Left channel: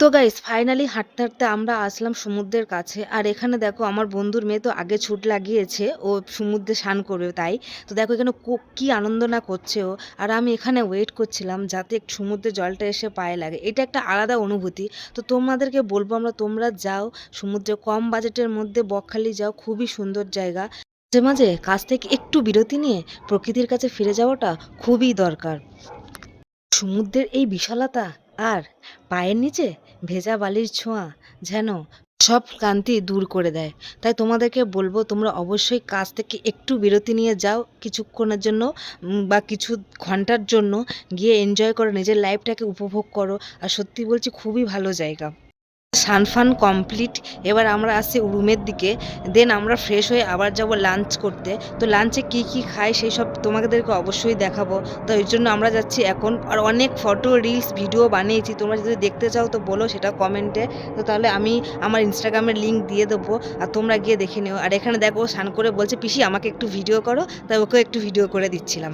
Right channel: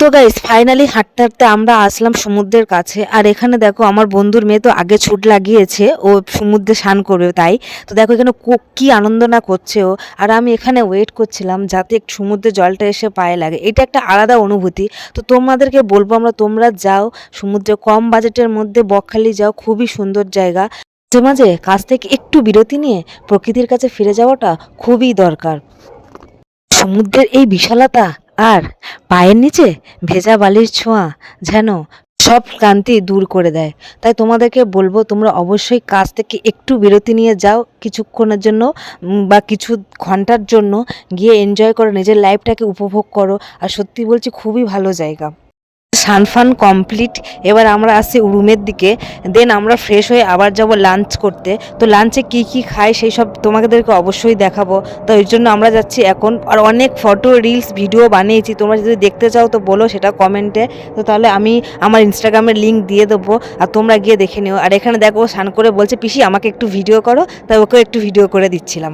তো guys finally হাঁটতে হাঁটতে আমরা আসলাম সমুদ্রের কাছে। আর এখানে দেখো আমার বন্ধুর মেয়ে তো আগে ছুট লাগিয়েছে, ও সমুদ্রে স্নান করবে তাই। তো দেখো এখানে কি আনন্দ না করছে ও। আর আমি এখানে ওয়েট করছিলাম যাতে একটু সমুদ্রের জলটা এসে পায়ে লাগে, এটা একটা আলাদা অনুভূতি। তো তোমাদেরকে বলবো তোমরা যাও সমুদ্রে, কম বাজেটের মধ্যে বকখালি যাও, খুবই সুন্দর জায়গা। মাঝে মাঝে কাজ থেকে একটু বিরতি নিয়ে প্রকৃতির কাছে ফিরে যাওয়াটা খুবই দরকার। সমুদ্রের এই বিশালতা আর পায়ের নিচে ভেজা বালির ছোঁয়া যেন সব ক্লান্তি দূর করে দেয়। তাই তোমাদেরকে বলবো তোমরা অবশ্যই কাজ থেকে একটু বিরতি নিয়ে যাও কিছুক্ষণের জন্য, বা কিছু ঘন্টার জন্য, গিয়ে এনজয় করো, নিজের লাইফটাকে উপভোগ করো। আর সত্যি বলছি খুবই ভালো জায়গা। সানফান কমপ্লিট। এবার আমরা আসছি রুমের দিকে। দেন আমরা ফ্রেশ হয়ে আবার যাব লাঞ্চ করতে। তো লাঞ্চে কি কি খাই সেই সব তোমাদেরকে অবশ্যই দেখাবো। তো এর জন্য আমরা যাচ্ছি এখন। আর অনেক ফটো রিলস ভিডিও বানিয়েছি, তোমরা যদি দেখতে চাও তো বলো সেটা কমেন্টে। তো তাহলে আমি আমার ইনস্টাগ্রামের লিঙ্ক দিয়ে দেবো, আর তোমরা গিয়ে দেখে নিও। আর এখানে দেখো স্নান করে বলছে পিসি আমাকে একটু ভিডিও করো, তাই ওকেও একটু ভিডিও করে দিচ্ছিলাম।